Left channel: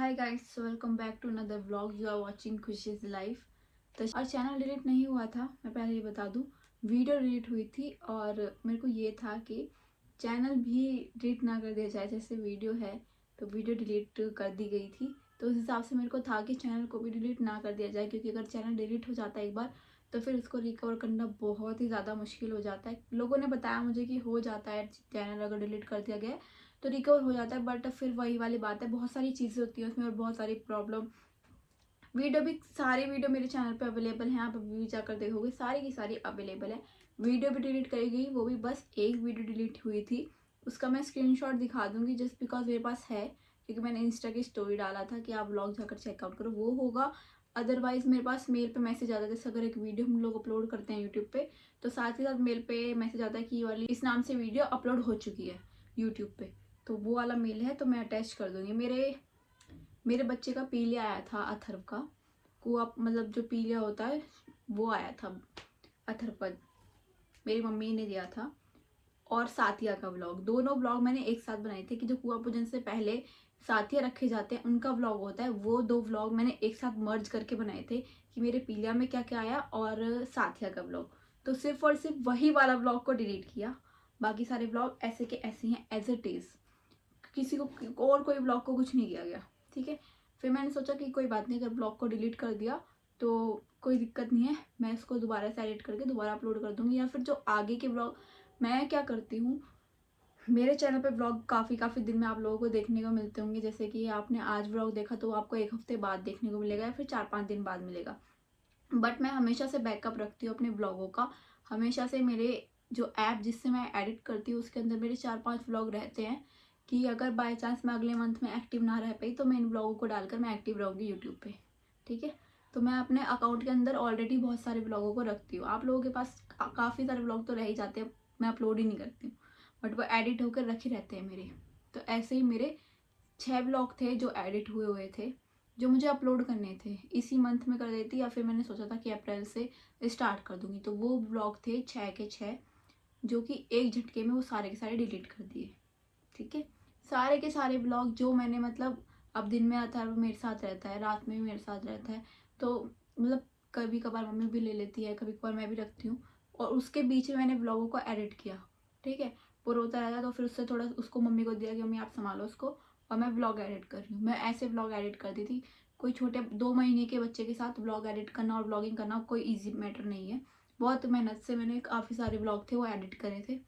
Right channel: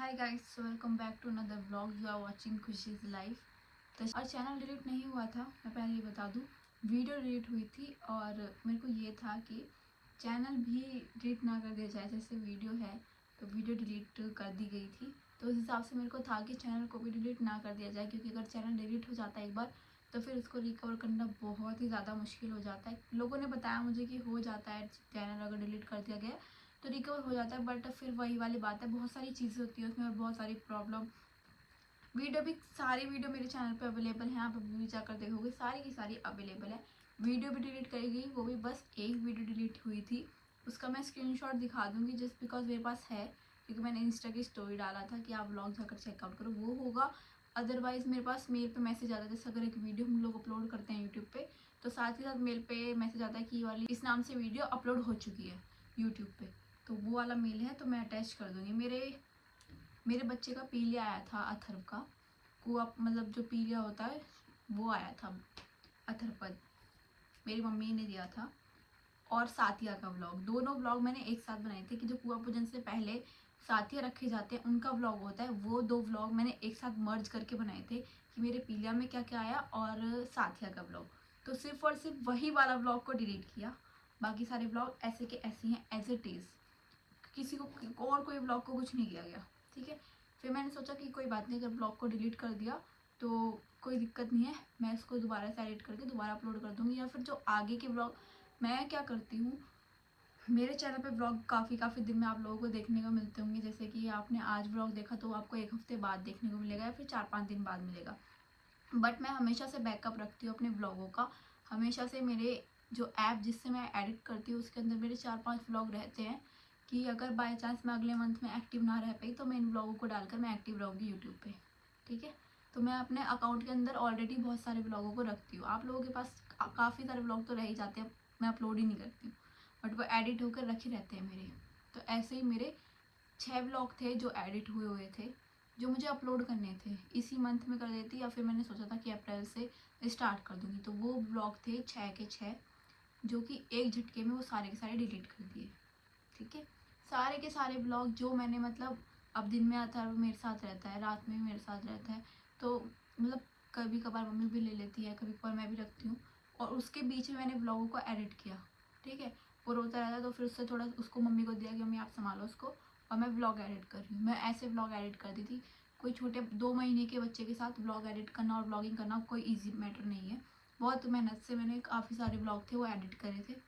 Hi guys, welcome back to another vlog. You are watching Khushi's life. तो और channel delete नहीं हुआ था, मैं पहले ही बता दूं। वीडियो डिलीट हुई थी और मेरे को ये था कि चैनल भी डिलीट ना कर दिया जाए। जैसे वीडियो है तो वीडियो डिलीट कर दी गई थी, तो उस हिसाब से मेरे को था कि चैनल को भी डिलीट ना कर दिया जाए, क्योंकि अगर चैनल डिलीट हो जाता है एक बार तो फिर उसको रिकवर करना बहुत ही ज़्यादा मुश्किल हो जाता है। लोगों ने बताया मुझे कि हो जाता है, चैनल अगर डिलीट कर दिया गया तो रिकवर हो जाता है, बट फिर वही वाली बात है, बहुत सारी चीज़ें होती हैं उसमें और बहुत सारी प्रॉब्लम। वीडियो भी, सारी वीडियो मेरे चैनल पे अवेलेबल हैं, आप अभी भी जाकर देखोगे सारी की सारी अवेलेबल है। वीडियो भी डिलीट करी गई, वो भी बस एक वीडियो डिलीट हुई थी, उसका मैं स्क्रीनशॉट दिखा दूंगी जस्ट बिकॉज मेरे पास है, क्योंकि मैंने इंस्टा की स्टोरी डाला था कि आप व्लॉग जाकर चेकआउट करो, वो होगा। अदरवाइज मेरे पास मेल पे मैसेज आता है, जैसे अगर एक वीडियो हम लोग अपलोड करते हैं यूट्यूब पे तो साथ ही साथ मेल पे मैसेज आता है कि ये वाली इस नाम से वीडियो अपलोड हो चुकी है यूट्यूब पे, तो वो वाला मेल है, तो मैं अटैच कर दूंगी। मेरे बच्चे का पीलिया आया था, अथर्व का कुआ, मतलब जो पीलिया होता है वो आया था, अथर्वपद मेरी मम्मी ने दिया था। और साथिया का व्लॉग, दोनों व्लॉग मैंने एक साथ बनाए थे कि जो कुआ पूजन से पहले साथिया रखे जाते हैं उनका व्लॉग होता है, वो दो व्लॉग मैंने एक साथ मर्ज करके बनाए थे कि मेरे पीलिया में क्या क्या आया और साथिया का व्लॉग। तो सिर्फ और सिर्फ वही वाला व्लॉग को डिलीट किया, बाकी सारे व्लॉग ऐसे के ऐसे हैं एज इट इज़। किसी को और कोई ब्लॉग को कुछ नहीं किया गया, ठीक है। फिर मैंने सोचा कि कोई बात नहीं, अगर ब्लॉग को डिलीट कर दिया तो कोई दिक्कत नहीं है, मैं इसको दोबारा से एडिट करके दोबारा अपलोड कर दूंगी। या फिर जो आगे के ब्लॉग, मैं क्या करती हूँ, मेरे चैनल पे ब्लॉग काफ़ी दिन में आप लोगों को देखने को मिलते होंगे। जैसे कि आपने आज ब्लॉग देखा तो आपको एक हफ्ते बाद देखने को मिलेगा या फिर 4-5 दिन बाद मिलेगा, बट मैं हमेशा से बैकअप रखती हूँ अपने ब्लॉगों का। हमेशा से मेरे जो ऐप जिससे मैं एडिट करती हूँ उसके अंदर मेरे 4-5 व्लॉग रहते हैं, कि अगर बाय चांस मैं अगले मंथ में एक्टिव ना रह पाई तो मैं इन ब्लॉगों को डालकर मैं एक्टिव रहूँगी यूट्यूब पे, ठीक है। तो मैं अपने अकाउंट के अंदर ऑलरेडी बहुत सारे ब्लॉगों को रखती हूँ। आप लोगों के पास काफ़ी सारे ब्लॉग तो रह ही जाते हैं, मैं अपलोड ही नहीं करती हूँ, बट वो एडिट होकर रखे रहते हैं मेरे। तो ऐसे ही मेरे 6 ब्लॉग थे जो एडिट हुए हुए थे, जो मुझे अपलोड करने थे, इसी मंथ में कर देती, या फिर मैंने सोचा था कि अप्रैल से स्टार्ट कर दूंगी। तो वो ब्लॉग थे 6 के 6, जो कि एक झटके में वो सारे के सारे डिलीट कर दिए, ठीक है। सारे के सारे ब्लॉग जो मैंने, मतलब अब दिन में आता है वो मेरे साथ रहता है, रात में भी मेरे साथ रहता है, तो मतलब कभी कभार मम्मी भी ले लेती है, कभी कभार मैं भी रखती हूँ, और उसके बीच में मैंने ब्लॉगों को एडिट किया, ठीक है। वो रोता रहता है तो फिर उससे थोड़ा उसको मम्मी को दिया कि मम्मी आप संभालो उसको, और मैं व्लॉग एडिट कर रही हूँ। मैं ऐसे व्लॉग एडिट करती थी, कोई छोटे 2 महीने के बच्चे के साथ व्लॉग एडिट करना और व्लॉगिंग करना कोई ईजी मैटर नहीं है। बहुत मेहनत से मैंने काफ़ी सारे व्लॉग थे वो एडिट करे थे।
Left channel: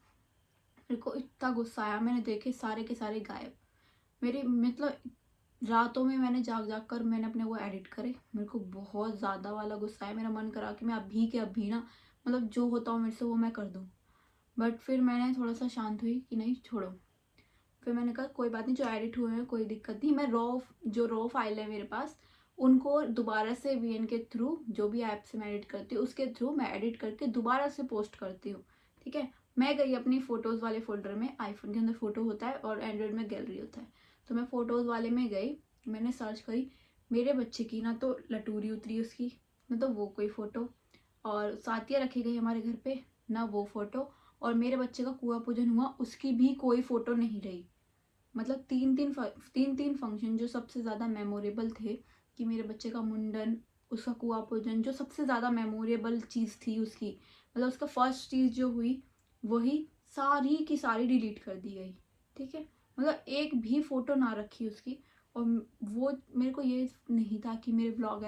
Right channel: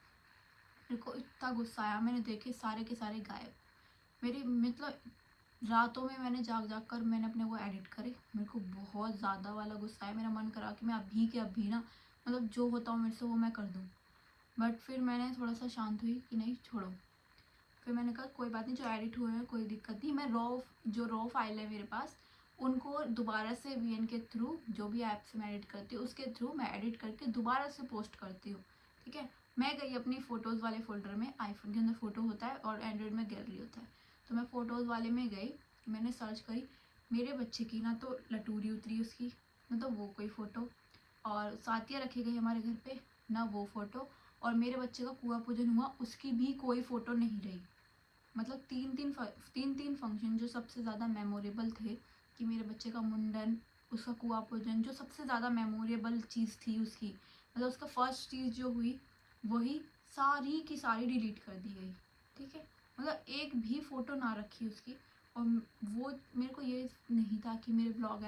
मेरे को इतना गुस्सा आया, मैंने देखे सारे के सारे गायब। मेरे मतलब रातों में मैंने जाग जाग कर मैंने अपने वो एडिट करे। मेरे को बहुत ज़्यादा वाला गुस्सा है, मेरा मन करा कि मैं अभी के अभी ना, मतलब जो होता हो मेरे से वो मैं कर दूँ। बट फिर मैंने थोड़ा सा शांत हुई कि नहीं छोड़ो। फिर मैंने कहा कोई बात नहीं, जो एडिट हुए हैं कोई दिक्कत नहीं, मैं जो रॉ फाइल है मेरे पास उनको दोबारा से वीएन के थ्रू, जो भी ऐप से मैं एडिट करती हूँ उसके थ्रू मैं एडिट करके दोबारा से पोस्ट करती हूँ, ठीक है। मैं गई अपनी फ़ोटोज़ वाले फोल्डर में, आईफोन के अंदर फ़ोटो होता है और एंड्रॉयड में गैलरी होता है, तो मैं फ़ोटोज़ वाले में गई, मैंने सर्च करी मेरे बच्चे की, ना तो लटूरी उतरी उसकी, ना तो वो कोई फ़ोटो, और साथिया रखी गई हमारे घर पे, ना वो फ़ोटो, और मेरे बच्चे का कुआं पूजन हुआ उसकी भी कोई फ़ोटो नहीं रही। मतलब तीन तीन फंक्शन जो सबसे ज़्यादा मेमोरेबल थे, कि मेरे बच्चे का मुंडन, उसका कुआं पूजन, जो सबसे ज़्यादा मेमोरेबल चीज़ थी उसकी, मतलब उसका फर्स्ट चीज़ जो हुई वही सारी की सारी डिलीट कर दी गई, ठीक है। मतलब एक भी फ़ोटो ना रखी उसकी। और वो मेरे को ये नहीं था कि मेरे व्लॉग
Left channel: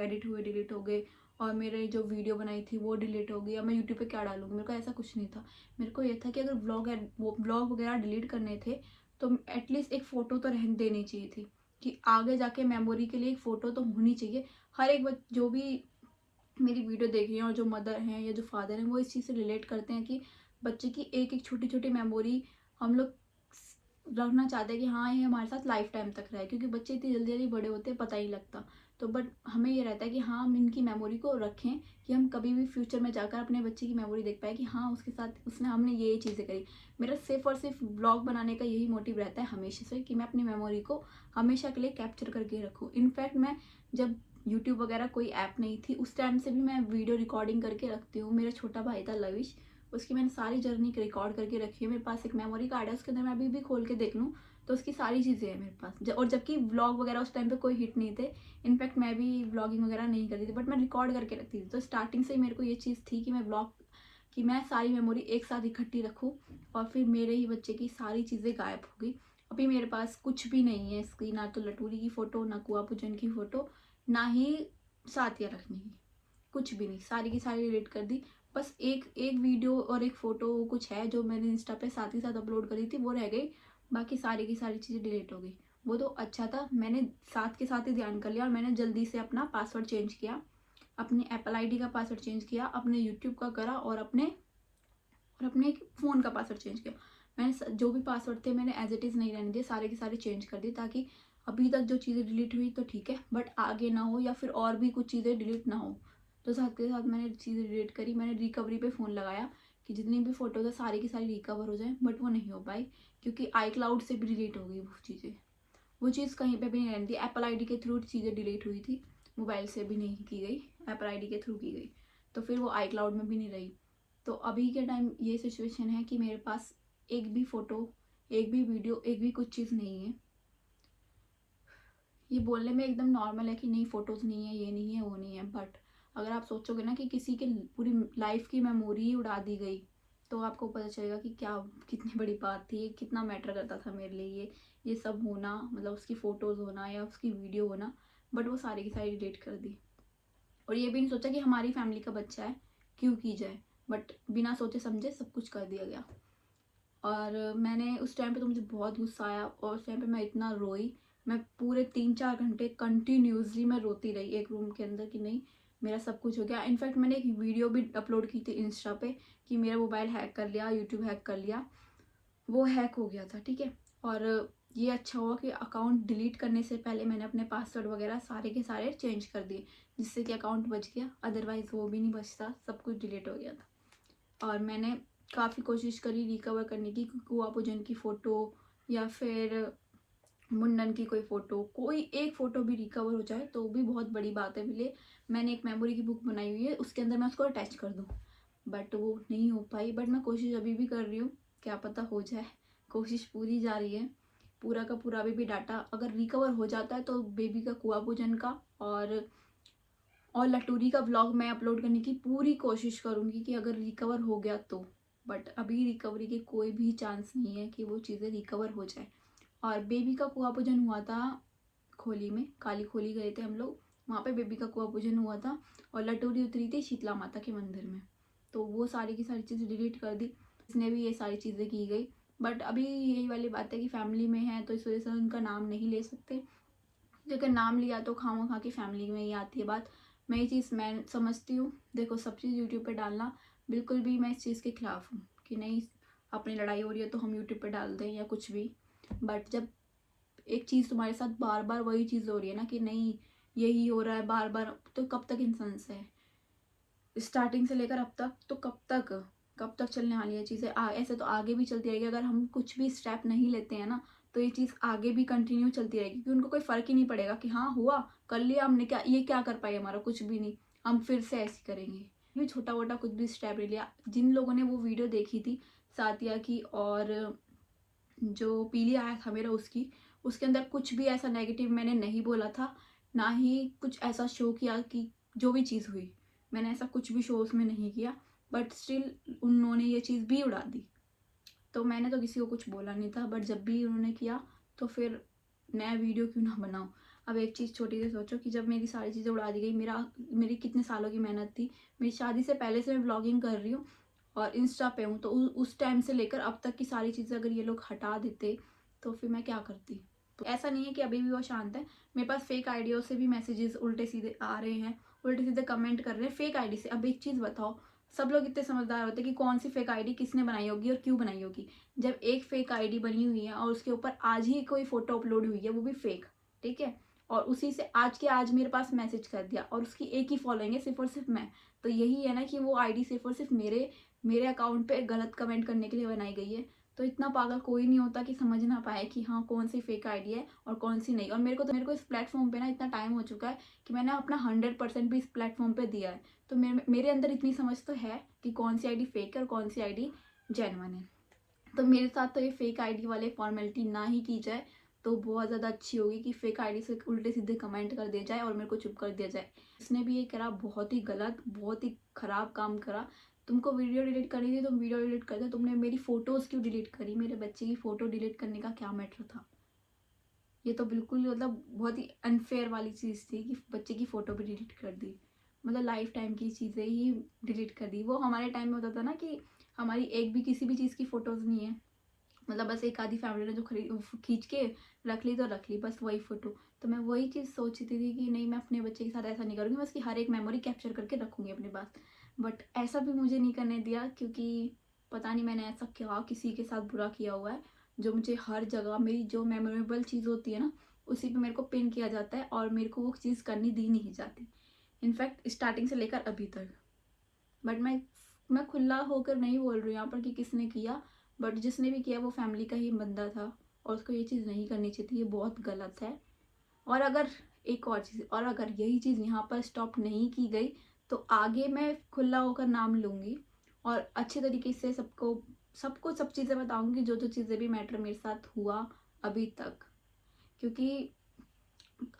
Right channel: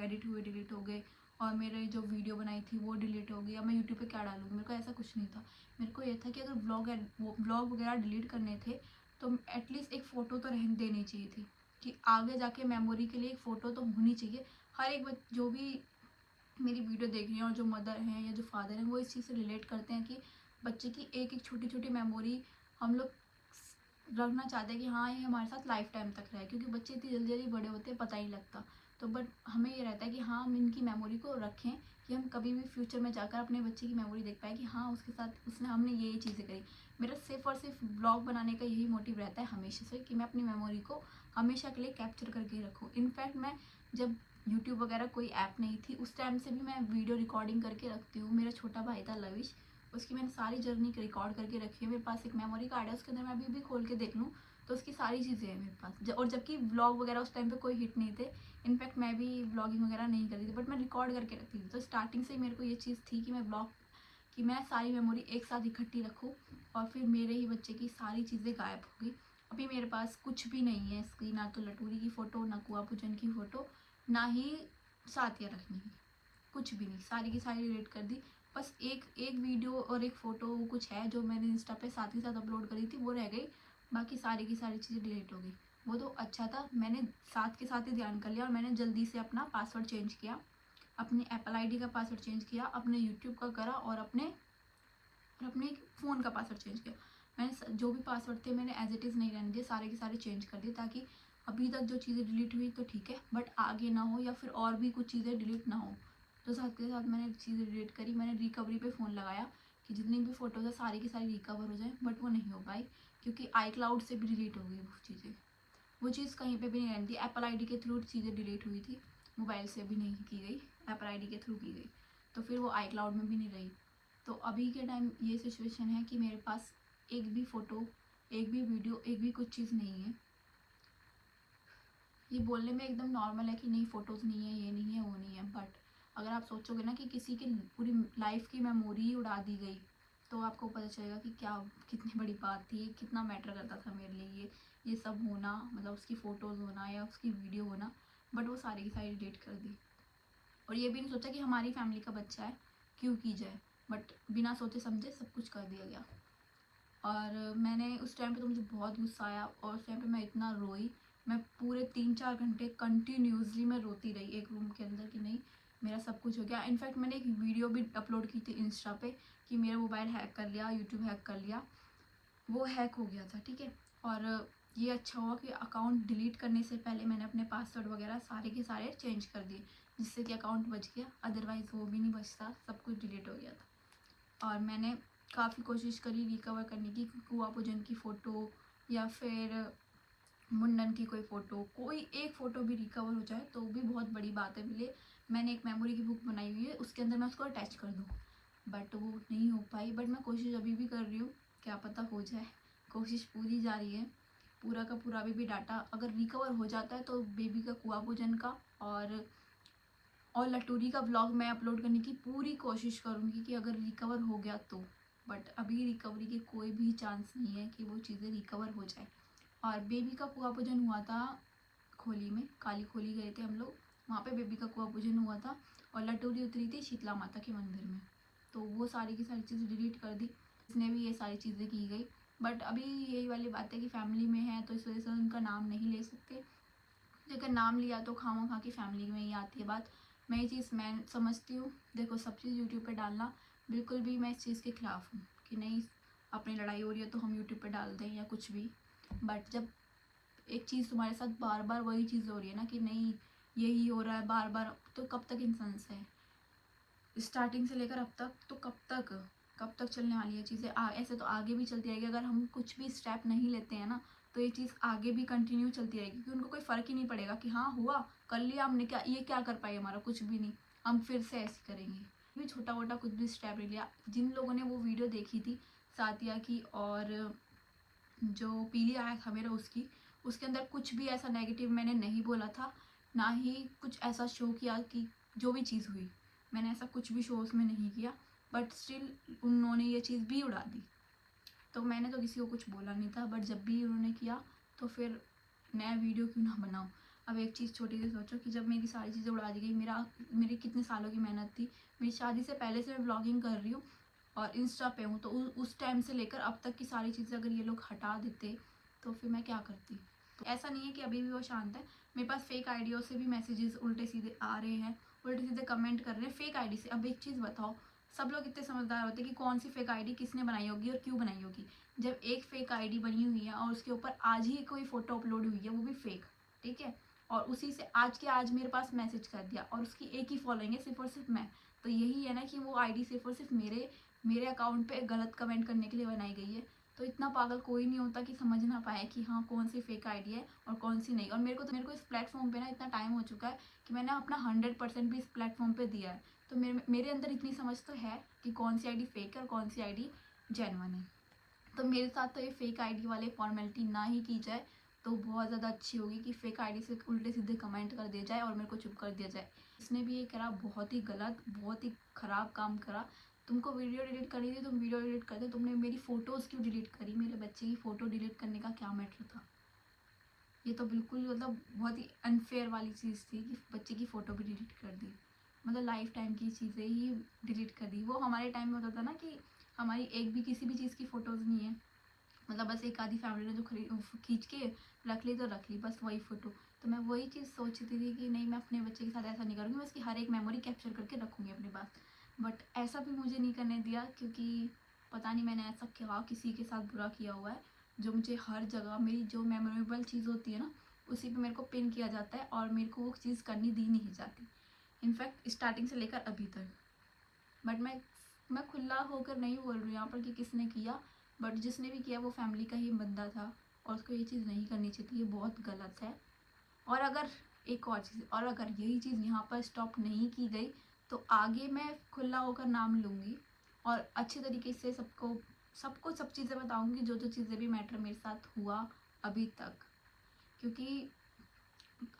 एडिट हुए डिलीट हो गए, और मेरे जो वीडियो बनाई थी वो डिलीट हो गई, या मैं यूट्यूब पे क्या डालूंगी, मेरे को ऐसा कुछ नहीं था। मेरे को ये था कि अगर व्लॉग वगैरह डिलीट करने थे तो एटलीस्ट एक फ़ोटो तो रहने देनी चाहिए थी, कि आगे जाके मेमोरी के लिए एक फ़ोटो तो होनी चाहिए। हर एक जो भी मेरी वीडियो देख रही हैं और जो मदर हैं या जो फादर हैं वो इस चीज़ से रिलेट करते हैं कि बच्चे की एक एक छोटी छोटी मेमोरी हम लोग रखना चाहते हैं कि हाँ ये हमारे साथ लाइफ टाइम तक रहे, क्योंकि बच्चे इतनी जल्दी जल्दी बड़े होते हैं पता ही लगता। तो बट हमें ये रहता है कि हाँ हम इनकी मेमोरी को रखें, कि हम कभी भी फ्यूचर में जाकर अपने बच्चे की मेमोरी देख पाए कि हाँ उसके साथ हमने ये चीज़ें करी। मेरा सिर्फ और सिर्फ ब्लॉग बनाने का यही मोटिव रहता है हमेशा से, कि मैं अपनी मेमोरी को हमेशा के लिए कैप्चर करके रखूँ। इनफैक्ट मैं जब यूट्यूब वगैरह कोई ऐप नहीं थी उस टाइम से भी मैं वीडियो रिकॉर्डिंग करके रखती हूँ। मेरा छोटा भाई था लविश, उसकी मैंने सारी जर्नी रिकॉर्ड करके रखी है, मेरे पास एक मेमोरी कार्ड है, उसके अंदर मैं अभी भी खोल के देख लूँ तो उसकी सारी चीज़ें हैं मेरे पास। और जबकि व्लॉग वगैरह उस टाइम पे कोई हिट नहीं थे, इनफैक्ट मैं भी व्लॉगिंग वगैरह नहीं करती थी, बट मैं रिकॉर्ड करके रखती थी। तो स्टार्टिंग से ही मेरे को ये चीज़ थी कि मैं सारी मेमोरी एक साथ इकट्ठी रखूँ, और फिर मेरे ही बच्चे की सारी चीज़ें गायब हो गई। अभी मेरे पास कुछ भी नहीं है इसकी, ना तो लटूरी की फ़ोटो, ना कुआ पूजन की फ़ोटो, ना ही साथिया रखने की, कुछ भी नहीं, सारी की सारी डिलीट कर दी। बस एक एक वीडियो और एक फ़ोटो कुछ है जो मैंने इंस्टा पे साथ ही साथ अपलोड करी थी, वो रह गई। बाकी सारी की सारी चीज़ें डिलीट हो गई। वो तो अच्छा था, मैंने साथ के साथ ही ध्यान कर लिया, और मैंने जल्दी से अपना पासवर्ड चेंज किया, अपनी एप्पल आईडी का पासवर्ड चेंज किया, अपने यूट्यूब का करा, और अपने फ़ोन का पासवर्ड चेंज किया। मैंने जो भी पासवर्ड थे मैंने एज इट इज़ नहीं रहने दिए, सारे के सारे चेंज कर दिए, ताकि अभी तक जो चीज़ें डिलीट हुई तो ठीक है, बट आगे ना हो, या फिर और भी कुछ चीज़ें डिलीट ना हो। तो साथ के साथ मैंने चीज़ें डिलीट करी। मैंने रिकवरी पे फ़ोन लगाया कि जितनी भी फ़ोटोज़ है सारी की सारी रिकवर हो जाए, बट वो नहीं हो पाई, क्योंकि आई क्लाउड से भी डिलीट हो गई वो चीज़ें। वो चीज़ कहीं पे भी नहीं रहती। एप्पल आईडी के थ्रू चीज़ें डिलीट हुई थी, मोबाइल से भी नहीं की गई, एप्पल आईडी के थ्रू की गई, तो फिर वो आई क्लाउड में भी नहीं रही। तो अभी के टाइम ये सिचुएशन है कि मेरे पास एक भी फ़ोटो, एक भी वीडियो, एक भी कुछ चीज़ नहीं है। ये बोलने में एकदम नॉर्मल है कि नहीं फ़ोटोज़ नहीं है, ये नहीं है, वो नहीं है, बट अगर आप सोचोगे ना कि किसी के पूरी लाइफ की मेमोरी ही उड़ा दी गई, तो आपको पता चलेगा कि क्या, कितनी बड़ी बात थी, कितना मैटर करता था मेरे लिए ये सब होना, मतलब उसकी फ़ोटोज़ होना या उसकी वीडियो होना। बट वो सारी की सारी डिलीट कर दी, और ये भी नहीं सोचा कि हमारी फैमिली का बच्चा है, क्यों की जाए, बट बिना सोचे समझे सब कुछ कर दिया गया। और मैंने उस टाइम पे तो मुझे बहुत गुस्सा आया, और उस टाइम पे मैं इतना रोई, मैं पूरे 3-4 घंटे कंटिन्यूसली मैं रोती रही एक रूम के अंदर कि नहीं, मेरा सब कुछ हो गया। इनफैक्ट मैंने एक वीडियो भी अपलोड की थी इंस्टा पे कि मेरा मोबाइल हैक कर लिया, यूट्यूब हैक कर लिया, वो हैक हो गया था, ठीक है। और ये अच्छा हुआ कि अकाउंट डिलीट करने से पहले मैंने अपने पासवर्ड वगैरह सारे के सारे चेंज कर दिए, जिससे कि अकाउंट बच गया, अदरवाइज़ वो भी नहीं बचता, सब कुछ डिलीट हो गया था। और मैंने काफ़ी कोशिश करी रिकवर करने की, कुआ पूजन की फ़ोटो या फिर मुंडन की कोई फ़ोटो, कोई एक फ़ोटो भी रिकवर हो जाए तो भी बहुत बड़ी बात है मेरे लिए। मैंने एक मेमोरी की बुक बनाई हुई है, उसके अंदर मैं उसको अटैच कर दूँ, बट वो नहीं हो पाई। बट मैं कोशिश अभी भी कर रही हूँ, क्या पता हो जाए, कोशिश पूरी जारी है। पूरा का पूरा अभी भी डाटा अगर रिकवर हो जाता है तो बेबी का कुआ पूजन का और लटूरी का व्लॉग मैं अपलोड करने की पूरी कोशिश करूँगी कि अगर रिकवर हो गया तो। बट अभी रिकवरी के कोई भी चांस नहीं है कि वो चीज़ें रिकवर हो जाए। और बेबी का कुआ पूजन हुआ था खोली में, काली खोली गए थे हम लोग, वहाँ पे बेबी का कुआ पूजन हुआ था, और लटूरी उतरी थी शीतला माता के मंदिर में। तो वो सारी की सारी चीज़ें डिलीट कर दी, इसने भी ये सारी चीज़ें की गई। बट अभी यही वाली बात है कि फैमिली में है, तो इस वजह से उनका नाम नहीं ले सकते, अगर नाम लिया तो खामोखा की फैमिली में ही आती है बात। मैं ये चीज़ मैं समझती हूँ। देखो, सब चीज़ यूट्यूब पे डालना बिल्कुल भी मैं इस चीज़ के खिलाफ हूँ कि नहीं, अपनी लड़ाई हो रही है तो हम यूट्यूब पे डाल दें या कुछ भी। बट जब एक चीज़ तुम्हारे साथ बार बार वही चीज़ हो रही है ना कि नहीं, यही हो रहा है बार बार, तो कब तक इंसान से स्टार्टिंग से लेकर अब तक, तो कब तक चलने वाली है चीज़ें। ऐसे तो आगे भी चलती रहेगी, अगर हम कुछ भी स्टेप नहीं लेते हैं ना, तो ये चीज़ आगे भी कंटिन्यू चलती रहेगी, क्योंकि उनको कोई फ़र्क ही नहीं पड़ेगा कि हाँ हुआ, कर लिया हमने, क्या ये क्या कर पाए, हमारा कुछ भी नहीं, हम फिर से ऐसे करेंगे। भी छोटा मोटा कुछ भी स्टेप ले लिया। जिन लोगों ने वो वीडियो देखी थी सातिया की, और जो पीली आया था मेरा उसके अंदर कुछ भी ऐसा नेगेटिव मैंने नहीं बोला था, ना ही कुछ ऐसा शो किया कि जो भी चीज़ हुई, मैंने ऐसा कुछ भी शो उसमें नहीं किया। बट स्टिल उन्होंने ये चीज़ भी उड़ा दी, तो मैंने तो किसी को कुछ बोला नहीं था, बट जब भी उन्होंने किया तो फिर नया वीडियो क्यों ना बनाऊँ। अब एक चीज़ छोटी सी सोचो कि जब मेरी सारी चीज़ें उड़ा दी गई, मेरी कितने सालों की मेहनत थी, मेरी शादी से पहले से मैं ब्लॉगिंग कर रही हूँ और इंस्टा पे हूँ, तो उस टाइम से लेकर अब तक की सारी चीज़ें अगर ये लोग हटा देते तो फिर मैं क्या करती। तो ऐसा नहीं है कि अभी भी वो शांत है, मेरे पास फेक आइडियों से भी मैसेजेस उल्टे सीधे आ रहे हैं, उल्टे सीधे कमेंट कर रहे हैं फेक आईडी से। अब एक चीज़ बताओ, सब लोग इतने समझदार होते हैं कि कौन सी फेक आईडी किसने बनाई होगी और क्यों बनाई होगी। जब एक फेक आईडी बनी हुई है और उसके ऊपर आज ही कोई फोटो अपलोड हुई है, वो भी फेक, ठीक है, और उसी से आज के आज मेरे पास मैसेज कर दिया, और उसकी एक ही फॉलोइंग है, सिर्फ और सिर्फ मैं, तो यही है ना कि वो आईडी सिर्फ और सिर्फ मेरे अकाउंट पे गलत कमेंट करने के लिए बनाई गई है। तो इतना पागल कोई नहीं होता कि समझ ना पाए कि हाँ कौन सी फेक आईडी है और कौन सी नहीं। और मेरे को इस प्लेटफॉर्म पे ना इतना टाइम हो चुका है कि मैंने अपना 100% भी इस प्लेटफॉर्म पे दिया है, तो मेरे अंदर इतनी समझ तो है कि कौन सी आईडी फेक है और कौन सी आईडी जेन्युइन है। तो मेरे साथ तो ये फेक आईडी वाले फॉर्मेलिटी ना ही की जाए तो बहुत ज़्यादा अच्छी होगी, कि फेक आईडी से उल्टे सीधे कमेंट कर दिया जाए और मेरे को चुप कर दिया जाए। इसने भी ये करा, बहुत ही गलत, बहुत ही ख़राब काम करा। तुमको वीडियो डिलीट करनी थी, तुम वीडियो डिलीट कर दो, तुमने मेरी फ़ोटोज़ क्यों डिलीट करी? मेरे बच्चे की फ़ोटो डिलीट करने का क्या मैटर था? ये तो बिल्कुल मतलब बहुत ही अनफेयर वाली चीज़ थी कि बच्चे की फ़ोटो भी डिलीट कर दी, मतलब लाइफ टाइम की चीज़ें ही डिलीट कर दी। वो हमारे टाइम में होता था ना कि हमारी एक भी किसी भी चीज़ की फ़ोटोज़ नहीं है, मतलब बस एक आधी फैमिली ने जो खींच के रख ली तो रख ली, बस वही फ़ोटो। तो मैं वही चीज़ सोचती थी कि नहीं, मैं अपने बच्चे के साथ ऐसा नहीं करूँगी, मैं उसकी हर एक मेमोरी कैप्चर करके रखूँगी अपने पास। बट ऐसा भी मुझे नहीं करने दिया, क्योंकि पता नहीं मैंने ऐसा क्या किसी के साथ बुरा किया हुआ है जो मुझे हर जगह मेरी जो मेमोरेबल चीज़ होती है ना उसी पे मेरे को पिन किया जाता है और मेरे को वो चीज़ करनी दी नहीं जाती, इनफैक्ट स्टार्टिंग से लेकर अभी तक। बट मैं खुला होकर नहीं बोल रही हूँ यहाँ पर कि किसने किया, बट जिसने भी किया वो फैमिली का ही बंदा था और उसको ये चीज़ नहीं करनी चाहिए थी, ये बहुत गलत है। और अगर एक और चीज़, और अगर यही चीज़ यहाँ पर स्टॉप नहीं की गई तो आगे मैं खुला होकर नाम लूँगी और अच्छे तरीके से सबको सब चीज़ें बताऊँगी, जो जो चीज़ें भी मैटर मेरे साथ हुआ अभी तक। क्योंकि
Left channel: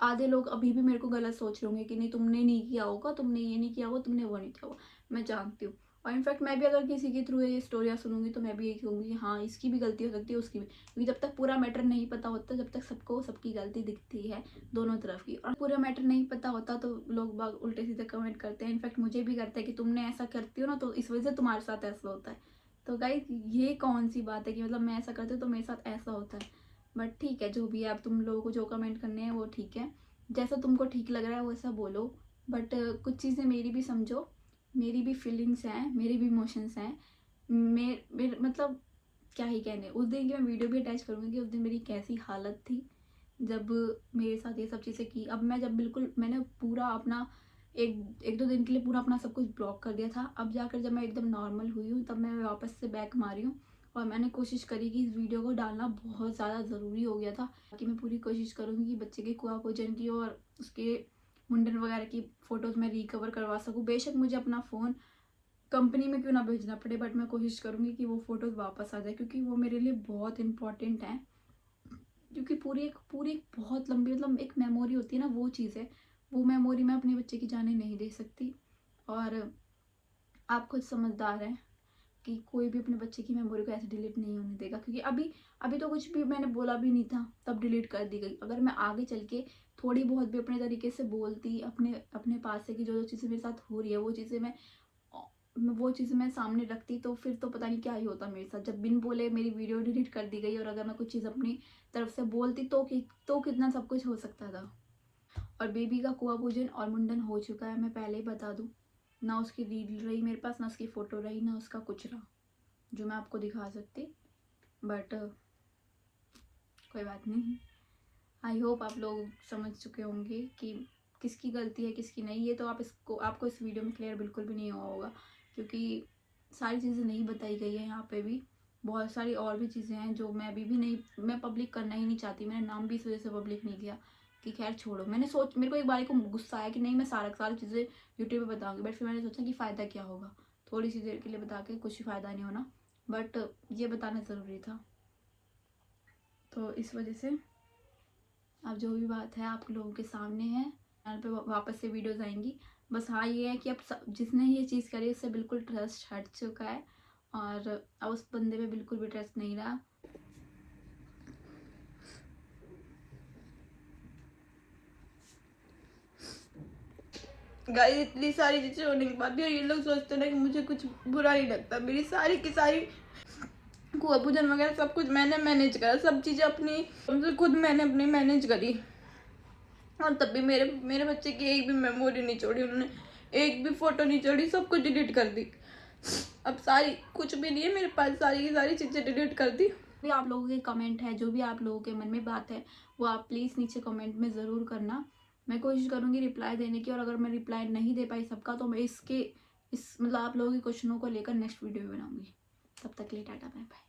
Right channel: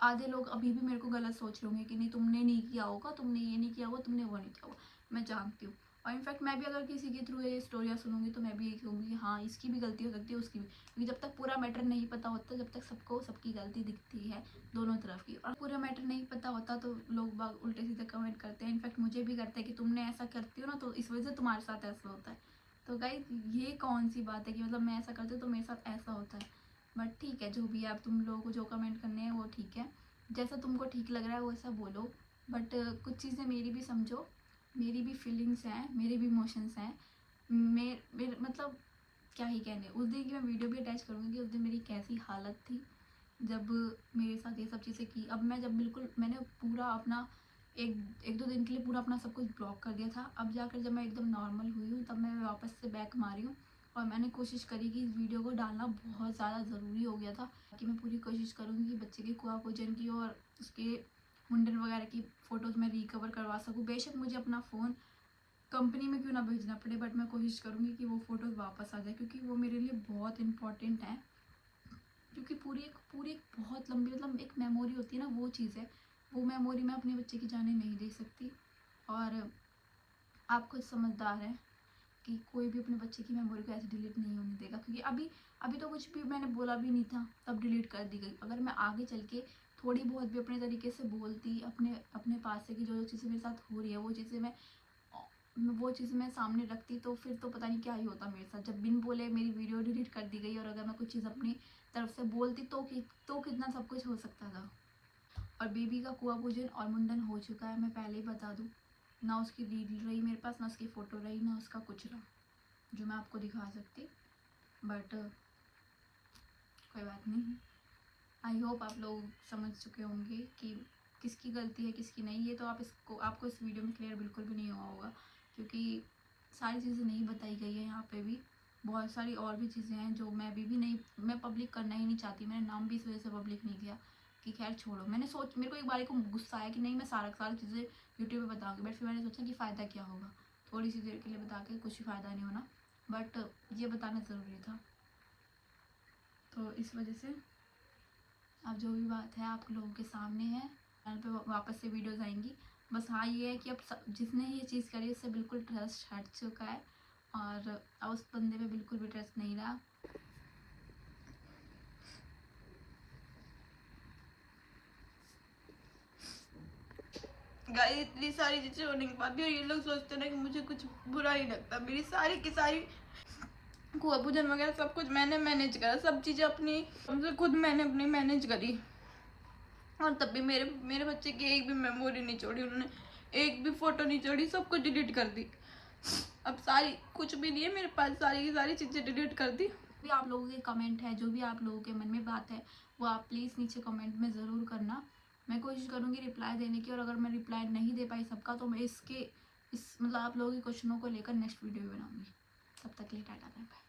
आधे लोग अभी भी मेरे को गलत सोच रहे होंगे कि नहीं, तुमने नहीं किया होगा, तुमने ये नहीं किया होगा, तुमने वो नहीं किया होगा। मैं जानती हूँ, और इनफैक्ट मैं भी अगर किसी के थ्रू ये स्टोरियाँ सुनूंगी तो मैं भी यही कहूँगी कि हाँ, इसकी भी गलती हो सकती है, उसकी भी, क्योंकि जब तक पूरा मैटर नहीं पता होता, जब तक सबको सबकी गलती दिखती है दोनों तरफ की, और पूरा मैटर नहीं पता होता तो लोग बाग उल्टे सीधे कमेंट करते हैं। इनफैक्ट मुझे भी करते हैं कि तुमने ऐसा करती हो ना तो इस वजह से तुम्हारे साथ ऐसा होता है। तो गाइस, ये कौन सी बात है कि मतलब मैं ऐसा करती हूँ तो मेरे साथ ऐसा होता है? बट ठीक है, जो भी है, अब तुम लोगों को जो कमेंट करने हैं वो ठीक है, जैसा तुमको ठीक लग रहा है वैसा बोलो। बट कुछ चीज़ें मेरी भी समझो, मेरी भी फीलिंग्स हैं, मेरे भी इमोशंस हैं। मेरे मतलब क्या ही कहने, उस दिन की मैं वीडियो भी अटैच करूँगी कि उस दिन मेरी कैसी हालत थी जब मेरे साथ ये सब चीज़ें की। अब मैं जब बिल्कुल मैंने पूरा अपना एक दो दिन के लिए पूरा अपना सब कुछ ब्लॉक कर दिया था, अब जाकर जब मैं एकदम नॉर्मल हुई हूँ तब मैं वापस से बैक मारी हूँ। और मैंने कोशिश करी कि इस वीडियो को डालना बहुत ज़्यादा ज़रूरी हो गया था, कि मैं पूरी कोशिश करूँगी कि बच्चे के कुआ पूजन की और उसके मुंडन वगैरह की फ़ोटोज़ मैं रिकवर करवा सकूँ। बेशक मुझे अपना फ़ोन कंपनी में क्यों ना भेजना पड़े, बट मैं कोशिश करूँगी कि वो फ़ोटोज़ वापस आ जाए, क्योंकि वो मेरे लिए बहुत इंपॉर्टेंट है। क्योंकि पूरी एक बहुत लंबी मतलब एक मेमोरी होती है ना, वो चीज़ है, वो मेमोरी मैं अपने बच्चे की जाने नहीं दे सकती। और आप खुद समझदार हैं कि कोई भी अपने बच्चे की मेमोरी को ऐसे डिलीट नहीं होने देगा, क्योंकि अभी अभी तो कुछ भी मैंने बोला भी नहीं था तब डिलीट कर दी गई। अगर मैं आगे चल के थोड़ी बहुत भी अपने तरीके से बोलती अपने अपने पास से कि जो जो चीज़ें मेरे साथ हो रही है वो चीज़ें मैं सामने रखती, तो फिर तो पता नहीं क्या ही होता मेरे साथ। जब बिन बोले मेरी वीडियो डिलीट कर दी गई, और अगर मैं कुछ चीज़ अपनी तरफ से बोलती तो कितना सब कुछ हो सकता था। और बेबी का कुआं पूजन और मुंडन हो चुका है, मैं पहले ही बता दूँ। ना उसकी रील रही मेरे पास, ना उसकी फ़ोटो रही, ना उसका कुछ रहा जो मैं आपको दिखा सकती। बट कोई बात नहीं, आई होप आप लोग समझ चुके होंगे कि किसकी गलती है किसकी नहीं। ये तो आपको इस वीडियो में क्लियर बिल्कुल भी नहीं हुआ होगा, क्योंकि सारी चीज़ें नहीं बताई गई है यहाँ पे भी। बहुत सारी और भी चीज़ें हैं जो मैं अभी भी नहीं, मैं पब्लिक करना ही नहीं चाहती। मैंने नाम भी इस वजह से पब्लिक नहीं किया कि खैर छोड़ो। मेरे को एक बार को गुस्सा आया कि नहीं, मैं सारी चीज़ें यूट्यूब पे बताऊँगी, बट फिर मैंने सोचा कि फ़ायदा क्या होगा, थोड़ी सी देर के लिए बता के कुछ फ़ायदा नहीं होना। बट ये बताना ज़रूरी था, तो इस वजह से अब जो भी बात है आप लोगों के सामने है। चैनल पे वापस से वीडियोस आएंगी। बस हाँ, ये है कि अब जिसने ये चीज़ करी उससे बिल्कुल ट्रस्ट हट चुका है, और अब उस बंदे पे बिल्कुल भी ट्रस्ट नहीं रहा। गाइस, इतनी सारी चीज़ें होने के बाद भी ये लोग सोचते हैं ना कि मुझे कुछ बुरा नहीं लगता। मेरी सारी की सारी कुआं पूजन वगैरह सब कुछ मैंने मैनेज करा, सब चीज़ें अपनी खुद मैंने अपनी मैनेज करी, और तब भी मेरे बच्चे की एक भी मेमोरी नहीं छोड़ी उन्होंने, एक भी फोटो नहीं छोड़ी, सब कुछ डिलीट कर दी। अब सारी कुछ भी नहीं है मेरे पास, सारी की सारी चीज़ें डिलीट कर दी। भी आप लोगों के कमेंट है, जो भी आप लोगों के मन में बात है वो आप प्लीज़ नीचे कमेंट में ज़रूर करना। मैं कोशिश करूँगी रिप्लाई देने की, और अगर मैं रिप्लाई नहीं दे पाई सबका तो मैं इस मतलब आप लोगों के क्वेश्चनों को लेकर नेक्स्ट वीडियो बनाऊँगी। तब तक के लिए टाटा, बाय बाय।